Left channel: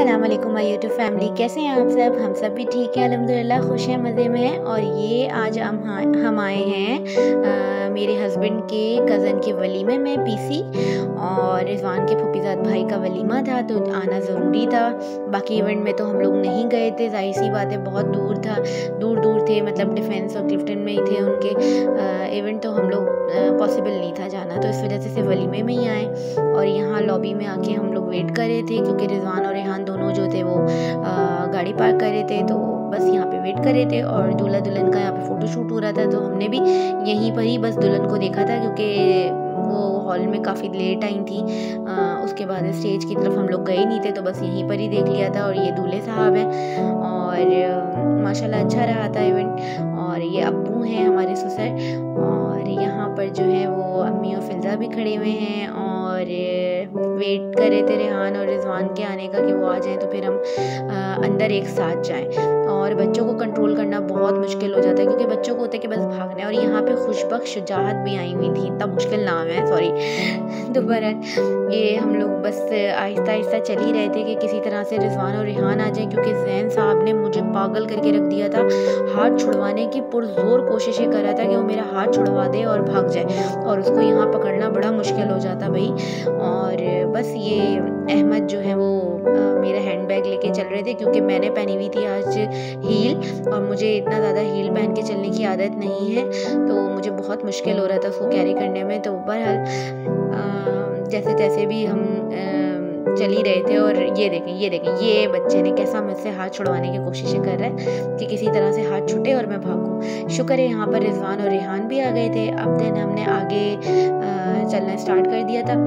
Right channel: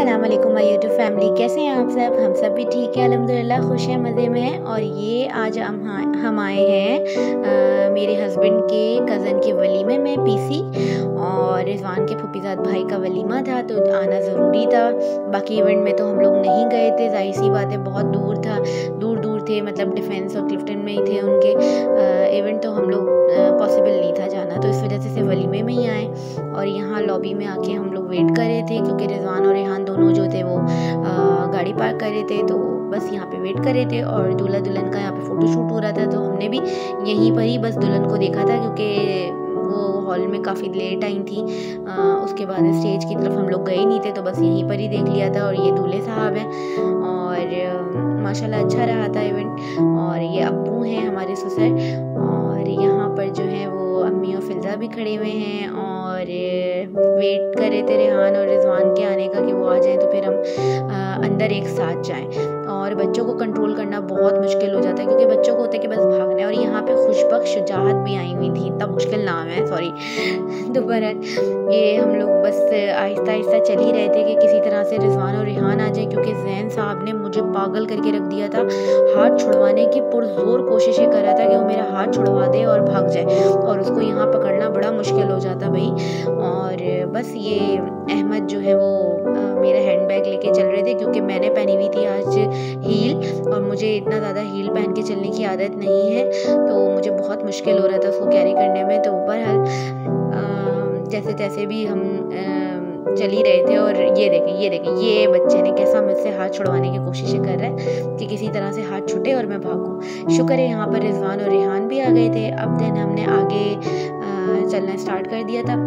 अस्सलाम वालेकुम my YouTube family, कैसे हैं आप सब। हम सब भी ठीक हैं अल्हम्दुलिल्लाह, खुश हैं, मज़े में हैं। और ये आज हम आए हैं मेरे हस्बैंड के कज़न के वलीमे में पीसी, और रिजवान के फुफीज़ाद भाई का वलीमा था तो आना ज़रूरी था। बाकी इवेंट में तो हम लोग नहीं गए थे, जाहिर सी बात है, बहुत दूर था, दूर थे, मतलब डिफेंस और क्लिफ्टन में ही थे उनके इवेंट, तो हम लोग पॉसिबल नहीं था जाना, तो इस वजह से सिर्फ वलीमे में ही आए। और यहाँ लॉबी में आके हम लोग वेट कर रहे थे क्योंकि रिजवान और रेहान दोनों जो थे वो गाड़ी पार्क कर रहे थे, तो बस यहाँ पे वेट कर रहे थे। और दूल्हा दुल्हन का यहाँ पे फ़ोटो शूट हो रहा था, तो हमने भी यहीं पर ही बस दुल्हन को देखा था क्योंकि वो हॉल में काफ़ी लेट आई थी। उसके बाद स्टेज की तरफ हम लोग गए नहीं थे, तो बस यहीं पर ही देख लिया था। और ये दूल्हे साहब हैं और माशाल्लाह अच्छा रहा था इवेंट। और ये अब्बू हैं हमारे ससुर, और यहाँ पर जो है वो अम्मी और फिजा भी खड़े हुए हैं और वेट कर रहे थे रेहान और रिजवान के आने का कि वो आ जाएं तो फिर हम अंदर एक साथ जाएं। और बच्चों को कंट्रोल करना बहुत मुश्किल हो जाता है क्योंकि बच्चों को होता है कि बस भागना है। और यहाँ पे खुशबख्श शुजाहत भी आई हुई थी, इतना मुश्किल नाम है, सॉरी। दोबारा ये हम लोग बस आहिस्ता आहिस्ता चल ही रहे थे कि किसी तरह से रिजवान और रेहान आ जाए, क्योंकि जैन साहब ने मुझे पागल करके रख दिया था। हाथ छुड़वाने की पुरजोर कोशिशें कर रहा था कि वो मेरा हाथ छुड़वा दे और भाग जाए, और उसको यहाँ पकड़ना बड़ा मुश्किल हो जाता भाई। और बस ये अहमद जो है वो मेरा हैंड बैग लेके चल रहे थे क्योंकि मैंने पहनी हुई थी आज हील, और मुझे इतना ज़्यादा हील पहन के चलने की आदत नहीं है, तो मुझे बहुत मुश्किल हो रहा था उसको कैरी करने में। तो बहरहाल जैसे तैसे भी हम चल ही रहे थे। और ये देखें ये बच्चे ने कैसा मुझसे हाथ छुड़वाने की कोशिशें कर रहा है कि किसी तरह से हाथ छूटे और मैं भागूं। शुक्र है यहाँ पर रिजवान और रेहान भी आ गए थे। अब दिन हमने आगे चलना स्टार्ट कर दिया था।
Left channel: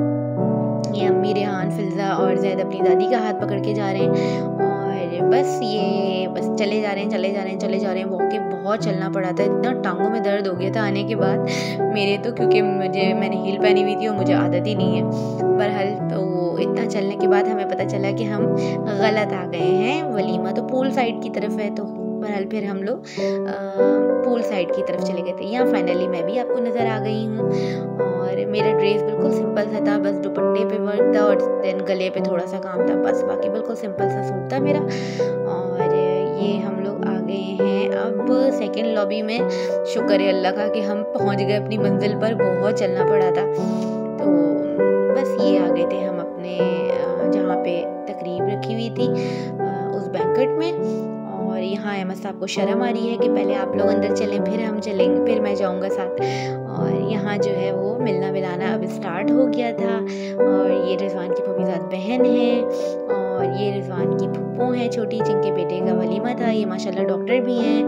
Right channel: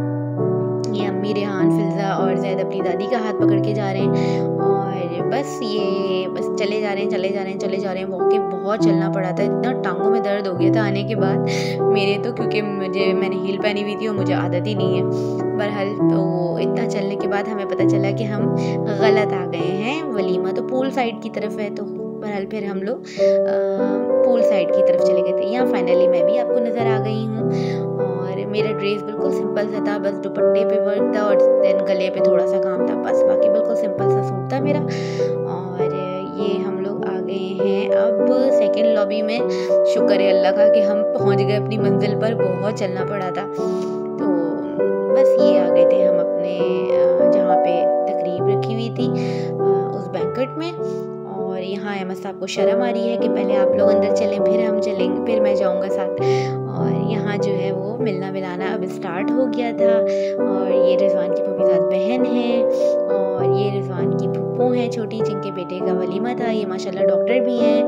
ये अम्मी, रेहान, फिजा और जैद अपनी दादी का हाथ पकड़ के जा रहे हैं, और बस चले जा रहे हैं। वॉके बहुत चलना पड़ा था, इतना टांगों में दर्द हो गया था आने के बाद मेरे तो, क्योंकि मैंने हील पहनी हुई थी और मुझे आदत ही नहीं है। बहरहाल तो इतना चलने के बाद हमें पता चला कि हम गलत आ गए हैं। वलीमा तो पूल साइड की तरफ है, तो बहरहाल फिर हम लोग पूल साइड की तरफ चले गए थे। यहाँ फाइनली मैं भी आपको नज़र आ गई हूँ, और मेरा ड्रेस बिल्कुल सिंपल सा था, बस दुपट्टे पे वर्क था और देन गले पे थोड़ा सा काम था, बस बाकी बिल्कुल सिंपल सा सूट था मेरा। और ये हम लोग आ गए हैं अब सेकंड लॉबी में। शुक्र है अल्लाह का कि हम पहुंच गए अपनी मंजिल पर, बहुत चलना पड़ा था। तो बस ये आ गए थे हम अपने जहाँ पे तकरीब रखी हुई थी उस बैंकेट में। और यहाँ अहमद साहब को शर्म आ रही है कि पहले आप लोग अंदर चलें, फिर हम चलेंगे, फिर मैं जाऊँगा साथ। और यहाँ जो है वो मिलना मिलाना अब स्टार्ट हो गया था। और ये रिजवान की फुफीज़ाद बहन है, और ये रिजवान की फुप्पो हैं छोटी, जिनके बेटे का वलीमा था। ये माशाल्लाह डॉक्टर भी हैं,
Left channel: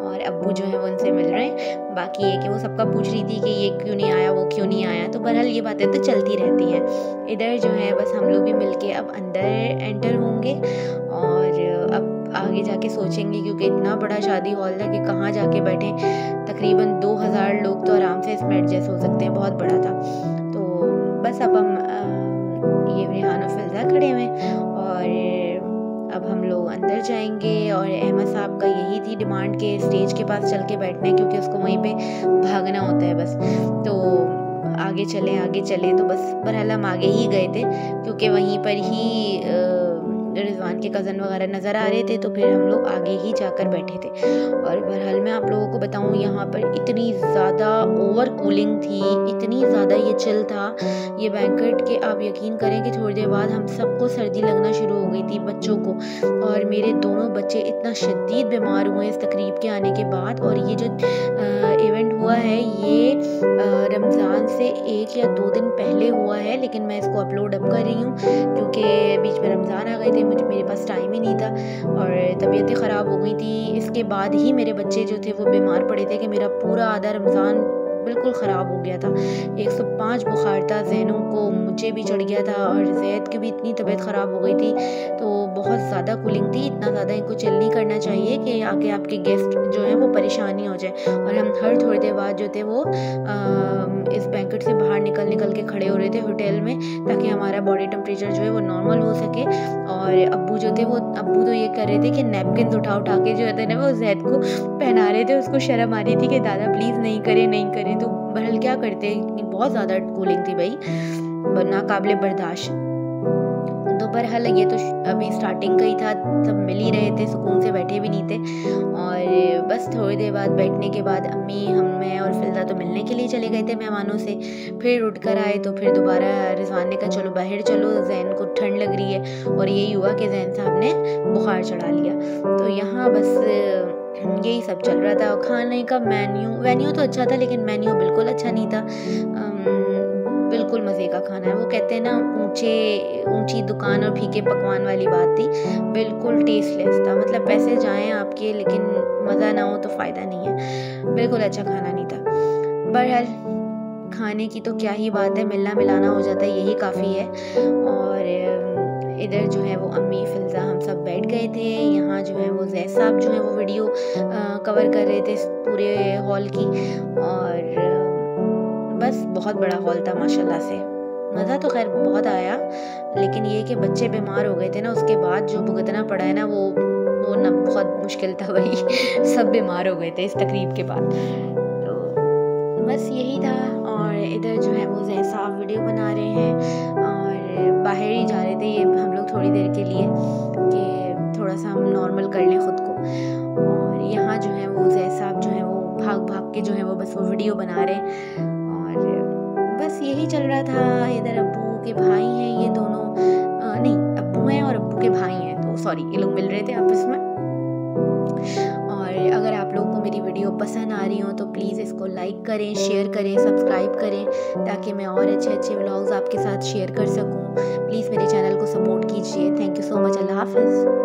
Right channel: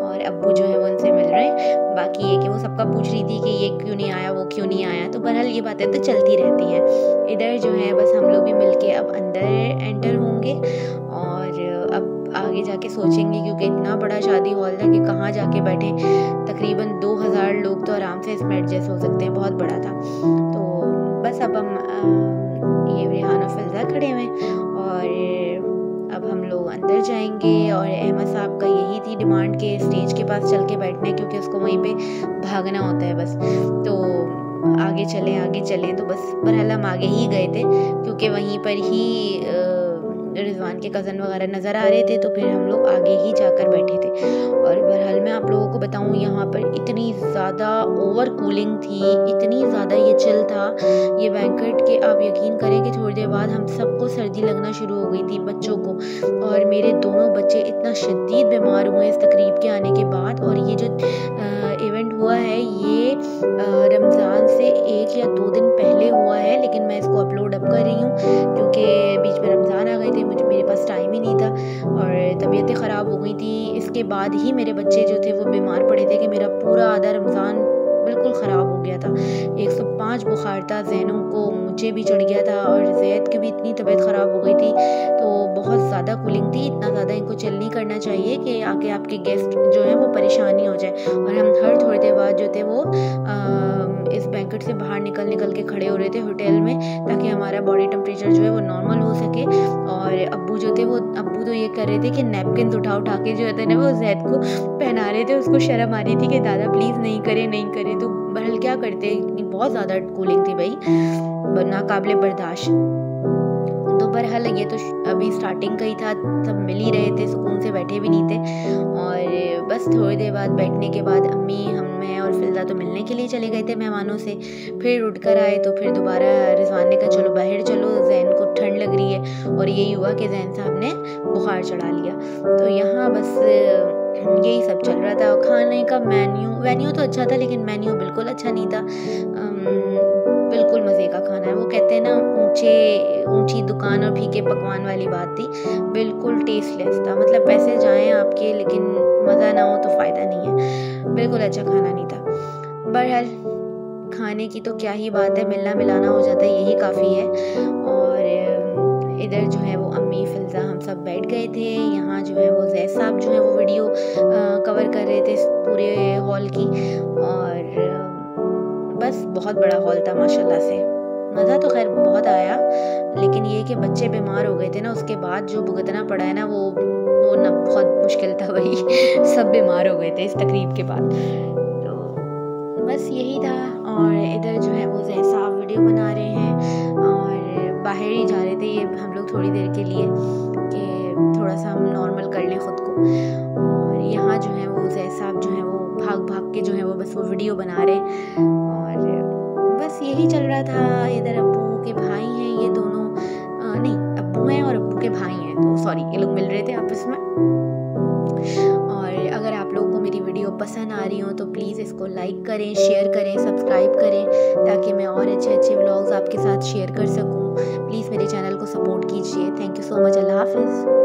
और अब्बू जो है वो उनसे मिल रहे हैं। बाकी ये कि वो सबका पूछ रही थी कि ये क्यों नहीं आया, वो क्यों नहीं आया, तो बहरहाल ये बातें तो चलती रहती हैं। इधर जो है बस हम लोग भी मिलके अब अंदर एंटर होंगे, और अब आगे जाके सोचेंगे, क्योंकि इतना बड़ा शादी हॉल था कि कहाँ जाके बैठे। तकरीबन 2000 लोग तो आराम से इसमें एडजस्ट हो सकते हैं, बहुत बड़ा था। तो बस अब हम ये रेहान और फिजा खड़े हुए, और अब हम लोग अंदर जाएंगे। और अहमद साहब का यही थी डिमांड के स्टेज के पास चल के बैठना है, क्योंकि उसको वहीं पे भागना होता है बस। तो आगे चलें, तो बस बहरहाल हम आगे ही गए थे क्योंकि वहीं पर ही रिजवान के कज़न वगैरह नज़र आ रहे थे, तो फिर हम लोग आगे ही जाकर बैठे थे। और बहरहाल मैं आप लोगों को बताऊं, यहाँ पर इतनी ज़्यादा ओवर कूलिंग थी, इतनी ज़्यादा ये चिल था ये बैंकेट के, आप यकीन करें कि थोड़ी देर बाद हम सबको सर्दी लगना शुरू हो गई थी, बच्चों को। और मेरे दोनों बच्चे इतना शदीद बीमार हुए इस तकरीब के आने के बाद। और ये जो इवेंट हुआ है ये रमज़ान से 1 या 2 दिन पहले हुआ है, लेकिन मैं इसको अपलोड अब कर रही हूँ क्योंकि बीच में रमज़ान आ गए थे, मेरे पास टाइम ही नहीं था और तबीयतें ख़राब हो गई थी। इसके बाद ही मेरे बच्चे जो थे वो बीमार पड़े थे कि मेरा पूरा आधा रमज़ान बिल्कुल ख़राब हो गया था। 105 बुखार था, जैनों को, मुझे भी चढ़ गया था, और जैद की भी इतनी तबीयत ख़राब हो गई थी। तो बहुत ज़्यादा कूलिंग थी, इतना ज़्यादा इनको चिल नहीं करना चाहिए कि आके आपके गेस्ट जो है वो परेशानी हो जाए। और हम हर थोड़ी देर बाद जो थे वो इस बैंकेट से बाहर निकल के खड़े हो रहे थे होटल में, ताकि हमारा बॉडी टेम्परेचर जो है वो नॉर्मल हो सके। और अब्बू जो थे वो तो ये कर रहे थे कि नैपकिन उठा के जो है ना वो जैद को पहना रहे थे। उसको शर्म आ रही थी कि दादा प्लीज़ नहीं करें। तो बहरहाल क्या करते, इतनी बहुत ज़्यादा कूलिंग थी भाई, नाकाबिले बर्दाश्त। तो बहरहाल ये तो अभी स्टार्टिंग का ही था, सब मिल ही रहे थे, सुकून से बैठे भी नहीं थे। और बस थोड़ी देर बाद बैठने के बाद अम्मी, मैं और फिल्दा तो मिलने के लिए चले गए थे मेहमानों से। फिर उठ कर आए तो फिर दोबारा रिजवान ने कहा चलो बाहर चलो, जैन को ठंड लग रही है। और यही हुआ कि जैन साहब ने बुखार चढ़ा लिया। तो यहाँ बस यही सब चल रहा था। खाने का वेन्यू तो अच्छा था, लेकिन मेन्यू बिल्कुल अच्छा नहीं था। बिल्कुल मज़े का खाना है, वो कहते हैं ना ऊंची दुकान और फीके पकवान वाली बात थी। बिल्कुल टेस्टलेस था, मतलब पैसे जाएं आपके लेकिन मज़ा ना हो तो फ़ायदा नहीं है। बिल्कुल अच्छा खाना नहीं था। बहरहाल खाने की तो क्या ही बात है, मिलना मिलाना हो जाता है, यही काफ़ी है। और इधर जो है वो अम्मी, फिल्ज़ा, हम सब बैठ गए थे। यहाँ जो है वो जैद साहब जो है वो वीडियो कवर कर रहे थे पूरे हॉल की। और बस बहुत बड़ा हॉल था माशाल्लाह से। मज़ा तो खैर बहुत आया, लेकिन ये कि बच्चे बीमार हो गए थे ना, उसके बाद जो भुगतना पड़ा है ना वो ना बहुत मुश्किल था भाई। सब बीमार हो गए थे इस तकरीब के बाद। तो बस यही था। और इधर जो है वो जैद साहब वीडियो बना रहे हैं और बाहर ही जा रहे थे ये हम लोग थोड़ी देर के लिए कि थोड़ा सा हम नॉर्मल कर लें ख़ुद को। और यहाँ जो है वो जैद साहब जो है वो भाग भाग के जो है वो बस वो वीडियो बना रहे हैं। और बस यही चल रहा था। इधर अब्बू के भाई हैं ये दोनों, नहीं अब्बू हैं और अब्बू के भाई हैं, तो सॉरी ये लोग मिल रहे थे आपस में। और अगर आप लोगों को मेरी वीडियो पसंद आ रही हो तो प्लीज़ इसको लाइक करें, शेयर करें, सब्सक्राइब करें, ताकि मैं और अच्छे अच्छे व्लॉग्स आपके साथ शेयर कर सकूं। प्लीज़ मेरे चैनल को सपोर्ट कीजिए। Thank you so much. अल्लाह हाफ़िज़।